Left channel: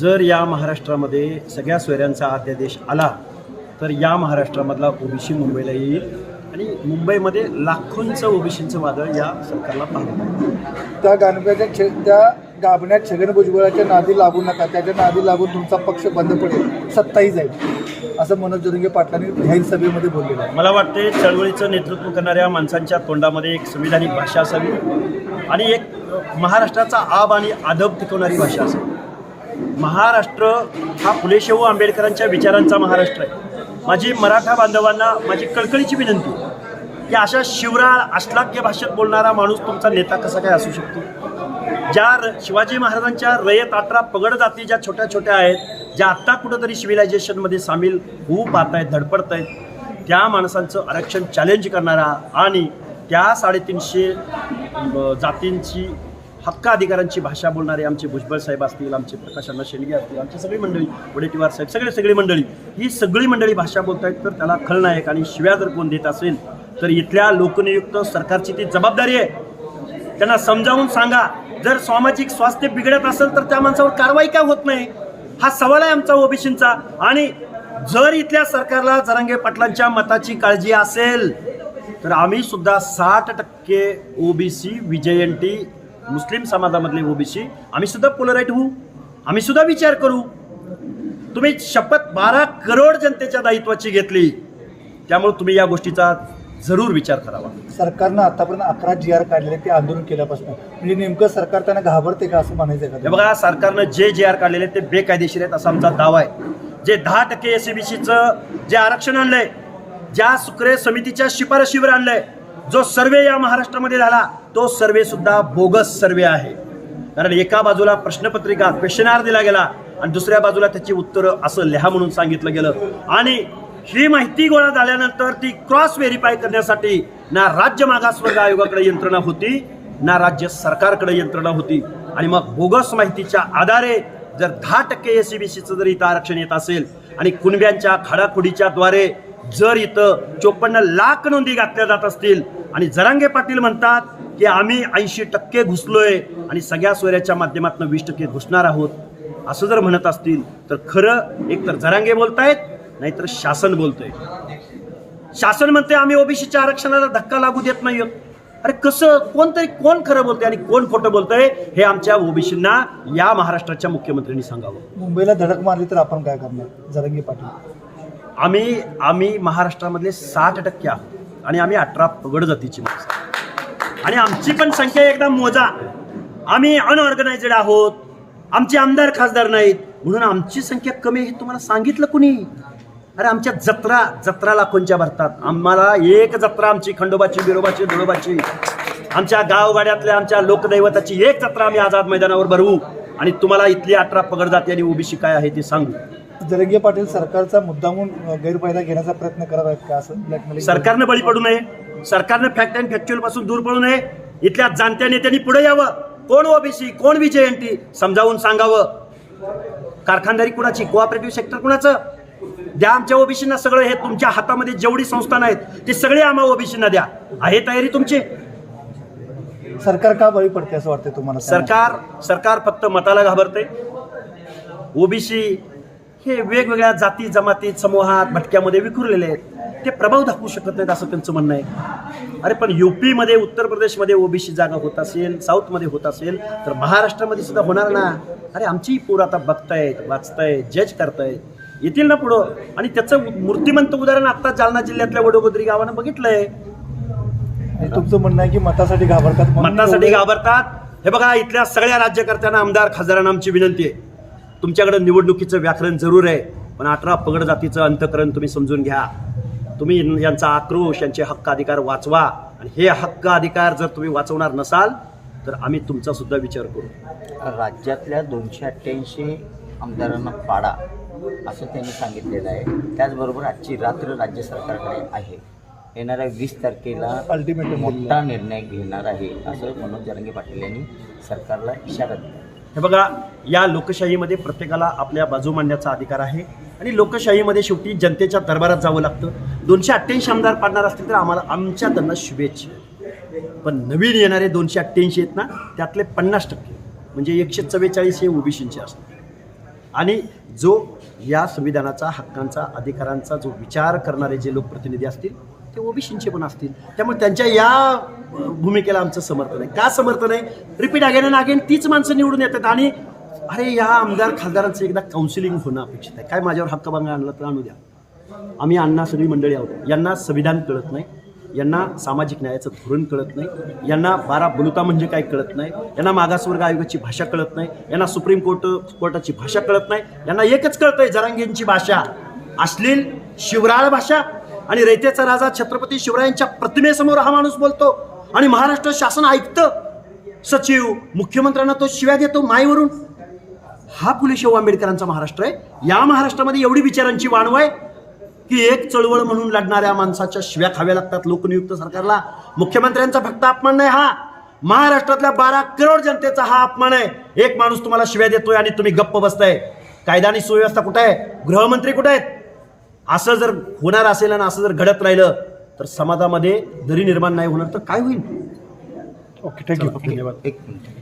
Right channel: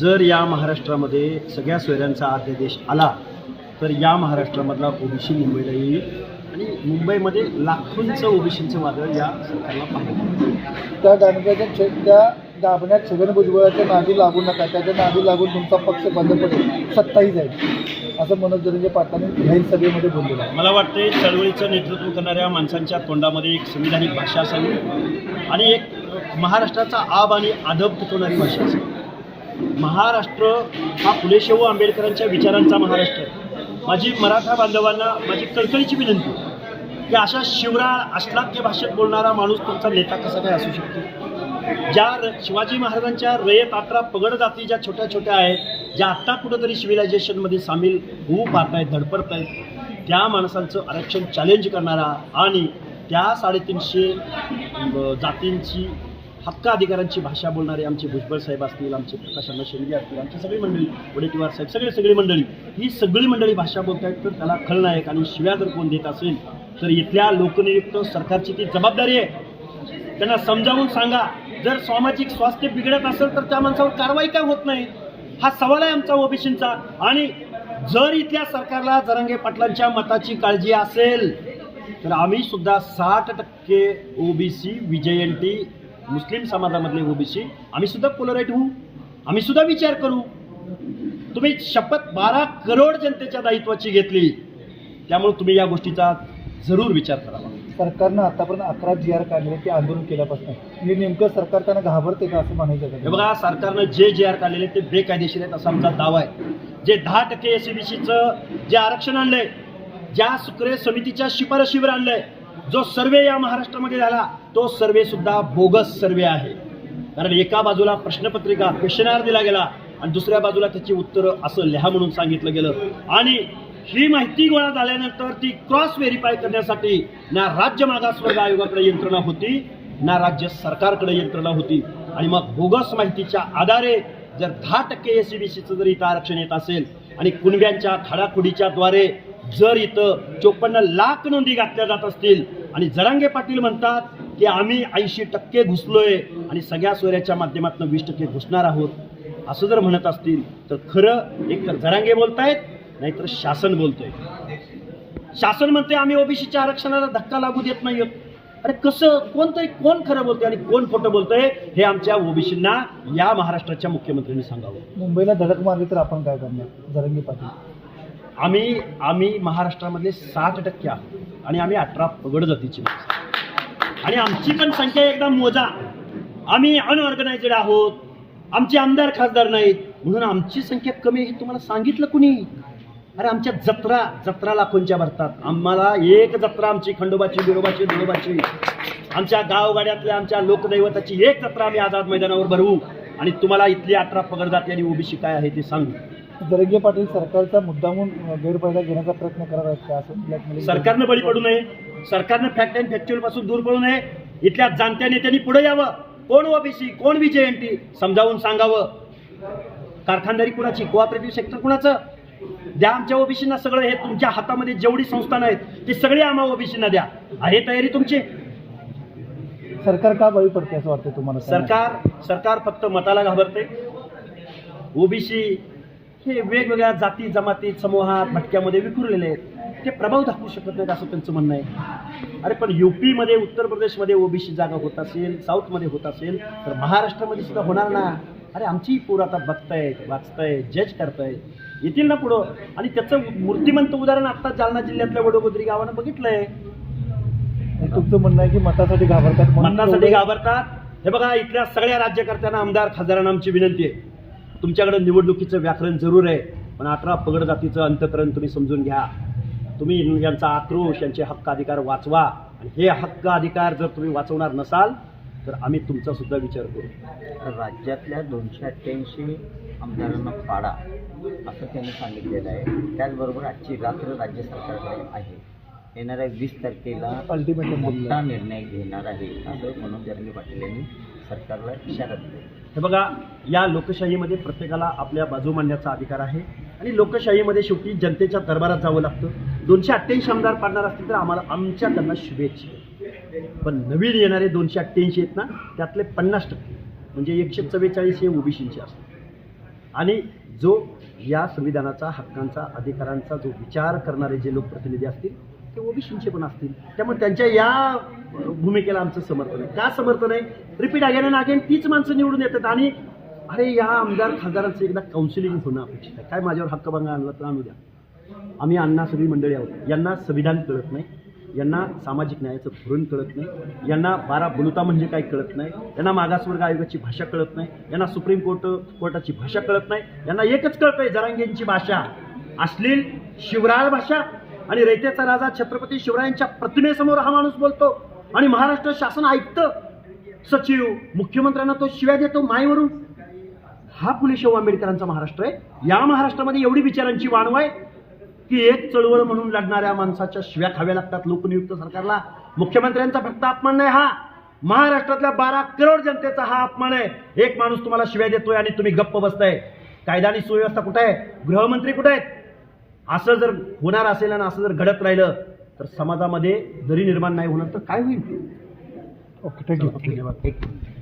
जर या महाराष्ट्रामध्ये सगळ्या सोयऱ्यांचा अध्यादेश आला तर या महाराष्ट्रामधला ओबीसी मुंबईला येईल आणि मुंबईमध्ये लाखोंचं ओबीसींचं वादळ या सरकारला मिळेल. त्या गाणगाच्या छे त्या गाभण्यात छगन भुजबळाच्या नादी लागू नका. त्याच्या नादी लागून तुमचा पक्ष बंद पडेल. सत्ताही जाईल. असं मनोज जरंगे पाटलांनी जाहीर सभेमध्ये बोललेलं आहे. मला वाटते चळवळीचं नेतृत्व करणाऱ्या माणसांच्या तोंडामध्ये एक संविधानिक भाषा असावी आणि एक महाराष्ट्राचा आब आणि आदब टिकवणारी भाषा असावी. महाराष्ट्र हा फुलेशाहू आंबेडकरांच्या विचारांचा महाराष्ट्र आहे. माझी मराठा बांधवांना माझी कळकळीची विनंती की अशा शिवराळ अश्लाघ्य भाषेत बोलणारा माणूस तुमचा नेता कसा काय असू शकतो? ज्या र- शिवाजी महाराजांच्या रयत अठरा पगड जाती ज्या छोट्या छोट्या आहेत ज्या आत्ता कुठंतरी सिव्हिलायझेशनमध्ये सामील होऊ पाहत आहेत धडपडत आहेत त्या माणसांचं आरक्षण चॅलेंज करणारा आणि त्या साडेतीनशे जातींची हक्क अधिकारांची भाषा बोलणारे आमचे भुजबळ साहेब असतील आमचे प्रकाश अण्णा शेंडगे असतील आमची सगळी मंडळी वडेट्टीवार साहेब सगळे सगळी मंडळी ही सगळी मंडळी भाषा बोलतायत तर त्याला खलनायक आणि शिव्या जर कोण देत असेल तर इथल्या लोकनियुक्त सरकारची ती जबाबदारी आहे. त्यांना समजावून सांगा. जर सामाजिक स्वास्थ्य बिघडत असेल तर त्या माणसावर कारवाई का होत नाही? हा सवाल आहे आमचा ओबीसींचा. आणि जर इथल्या सरकारला जरांगे पाटलांच्या मताची काळजी असेल तर आम्ही सुद्धा साठ टक्के ओबीसी विजयंती मुस्लिम समाजामधले ओबीसी आम्ही सुद्धा पोलराईट होऊ. आम्ही सुद्धा विचार करू. तुम्ही शपथ बारा करोड जनतेच्या दायित्वाची घेतली. त्यामुळे तुम्ही या गोष्टीचा जरूर विचार करावा. सरकारनं आतापर्यंत अकरा जी आर काढलेले ते आंदोलन केल्यापासून. म्हणजे नेमकं सरकार त्यांना घाबरते का असं म्हणायचं हे का बघा सरकारनं जे जे आर काढलेले ते बेकायदेशीर आहेत असा आमचा दावा आहे. जे दहा टक्के एस जे आरक्षण आणलंय ज्या सुक्रे समितीच्या शिफारशीवर आणलंय जो सर्वे या महाराष्ट्रामध्ये झाला तो सर्वे सुद्धा बोगस सर्वे आहे. कारण एका बाजूला प्रश्नपत्रिका क्वेश्चनार दिला गेला आणि दुसऱ्या बाजूला त्याची उत्तरं असं लिहा म्हणून सांगितलं गेलं. आणि ही माहिती गोळा झाल्यानंतर ती क्रॉस व्हेरीफाय करण्यासाठी ना राज्य मागासवर्ग आयोगाकडे यंत्रणा होती ना राज्य सरकारकडे यंत्रणा होती. आणि मग बोगस माहितीच्या आधारे जर दहा टक्के एस सी बी सीचं जर इथं आरक्षण येत असेल आणि कुणब्यांच्या खाडाखुडीच्या द्वारे जर इथं चोपन्न लाख नोंदी घातल्या जात असतील आणि जरांगे पाटील म्हणतात की आम्ही ऐंशी टक्के घुसलोय आणि सगळ्या सोयऱ्याच्या माध्यमातून वीस टक्के घुसणार आहोत. असं जर म्हणत असतील तर खरं एक तर जरांगे बोलतायत नाहीतर शासन बोलतोय. शासन म्हणते आम्ही ओबीसीच्या आरक्षणाला धक्का लागू देत नाही अरे कसं? कोणतरी कोण खरं बोलतंय आणि कोण खोटं बोलतंय हे आमच्या ओबीसींना या महाराष्ट्राच्या मुख्यमंत्र्यांनी सांगावं. मुंबईला धडक मारली तर आपण काय करणार? जरंगी पाटील. आम्ही आम्ही महाराष्ट्रामधले साठ टक्के आहोत. आणि आम्ही अठरा पगड जातीची माणसं आणि आमची पण संख्या एकदा मोजा. आम्ही अनऑर्गनायझेड आहोत. आमचे आमदार खासदार नाहीत. म्हणून आमची संख्या कमी हे तुम्हाला सांगितलं कुणी? अरे आमच्या जत्रा जत्रा लाखोंच्या भरतात? आम्हाला एक जत्रा आमची खंडोबाची बिरोबाची धुळोबाची. आमच्या गावगाड्यातल्या आमच्या लोकदैवताची एक जत्रा आम्ही आझाद मैदानावर भरवू आणि तुम्हाला इथली अठरा पगड जाती आणि ओबीसी काय आहे ते सांगू. जरंगे पाटील सरकारचा मुद्दामून गैरफायदा घेण्याचा प्रयत्न करत आहेत का असं ब्लॅकमेलिंग सरकारनं बळी पडू नये. सरकारनं फॅक्ट अँड फॅक्च्युअलपासून दूर पडू नये. इथल्या जाणत्या नेत्यांनी पुढे यावं. कोण ओबीसी कोण विजयंती समजावून सांगावं. कारखानदारी कुणाची? कोऑपरेटिव्ह सेक्टर कुणाचं? द्या आमच्या ओबीसींना सगळं. हे तुमच्या हातामध्ये जेवढी संस्थान आहेत ते सगळे आम्हा ओबीसींना द्या. आहे तयारी तुमची? सरकार का बळी पडते असं वाटतं तुम्हाला? सरकार सरकार फक्त मताला घाबरते ओबीसी हे वेगवेगळ्या जाती जमाती समूहात भटक्यामध्ये विखुरलेले आहेत. ते प्रभाव दाखवू शकत नाहीत असं त्यांचं म्हणणं आहे. अरे पण युपीमध्ये उत्तर प्रदेशमध्ये ओबीसी जागा होत असेल साऊथमध्ये होत असेल तर महाराष्ट्रामध्ये सुद्धा होणार ना? अरे आमची पोरं आता बघतायत वाचतायत जज करतायत. येतील ना पुढं? आणि त्याचं मूर्तिमंत उदाहरण आता जालना जिल्ह्यातल्या वडोगोद्री गावानं बघितलंय. तुमचं म्हणणं आहे की मतासाठी घाबरतात मतासाठी घाबरतात. हे बघा इथल्या सगळ्या राज्यकर्त्यांना आमदार खासदारांना आमची विनंती आहे. तुमच्याकडे निवडणुकीचं व्याकरण जरूर आहे पण अठरा पगड जातीचं अंतकरण तुम्ही समजून घ्या. तुम्ही यांचा आक्रोश यांचे हक्क अधिकार वाचवा. आणि हे हक्क अधिकार जर तुम्ही वाचवणार नसाल तर आम्ही तुमचा सुद्धा विचार करू. राज्यातल्या दोनशे अठ्ठ्याऐंशी आमदारांना पाडा असं त्यांनी सांगितलेलं आहे. त्याचबरोबर आजची रात्र राज्य सरकारकडे आहे. येणाऱ्या वीस तारखेला दिलेलं मोठा निर्णय घेणार आहे असं मनोज जरांगे पाटील यांनी सरकारला इशारा दिला. हे बघा या लोकशाहीमध्ये प्रत्येकाला आपल्या बाजू मांडण्याचा अधिकार आहे. आणि लोकशाहीमध्ये शेवटी जनतेच्या दरबारात जावं लागतं. दोनशे अठ्ठ्याऐंशी आमदार पाडणार असतील तर आम्हाला आमच्या त्यांना शुभेच्छा पण नवीन येणारे दोनशे अठ्ठ्याऐंशी आहेत ना त्यातले पन्नास टक्के म्हणजे एकशे चव्वेचाळीस हे ओबीसींचे असतात आणि जो या संविधानाचा हक्कांचा अधिकारांचा जो विचार करणारे जे लोकप्रतिनिधी असतील ते ओबीसींचे पण असतील. त्यामुळे त्यांच्या या भूमिकेला आमचं समर्थन आहे. का समर्थन आहे? रिपीट अगेन अँड अगेन तीच माणसं निवडून येतात आणि अरे या आमदार खासदारांचं एकदा काउन्सिलिंग होणं अपेक्षित आहे. काय माझ्यावर हक्कभंग आणला तर आणू द्या. आम्ही अण्णा सगळी मंडळी आहोत. यांना संविधान कळत नाही. यांना सामाजिक न्यायाचं धोरण कळत नाही. यांना बारा बलुता म्हणजे काय कळत नाही. यांना मागासवर्ग आयोगाची भाषा कळत नाही. यांना सुप्रीम कोर्ट कोर्टाची भाषा कळत नाही. यांना एकच कळतंय जरांगेंची भाषा. अश्लील शिवराळ भाषा आणि रयतेचा राजा छत्रपती शिवरायांच्या प्रतिमेसमोर हा माणूस बोलतो. आणि महाराष्ट्र शासन ऐकतं सचिव मुख्यमंत्र्यांना तो शिव्या देतो मायवरून. हा पुणे शाहू आंबेडकरांचा महाराष्ट्र आहे. या महाराष्ट्रामध्ये एवढी विचारांची वाणव आहे की एक चळवळ म्हणून लढणाऱ्या माणसाच्या शिव्या खाव्या लागतात लोकनियुक्त सरकारला. मुख्यमंत्र्यांचा फक्त अपमान नाही हा. महाराष्ट्रातल्या बारा करोड जनतेचा हा अपमान आहे. एक माणूस तुम्हाला शिव्या देतोय आणि तुम्ही गप्प बसताय. कायदा आणि सुव्यवस्था कुठे आहे? गृहमंत्री कुठे आहेत? असं जर होणार असेल आणि असं जर घडत राहिलं तर समाजामध्ये दरी निर्माण नाही होणार तर काय होईल? ओके थँक्यू धन्यवाद. एक मिनिट.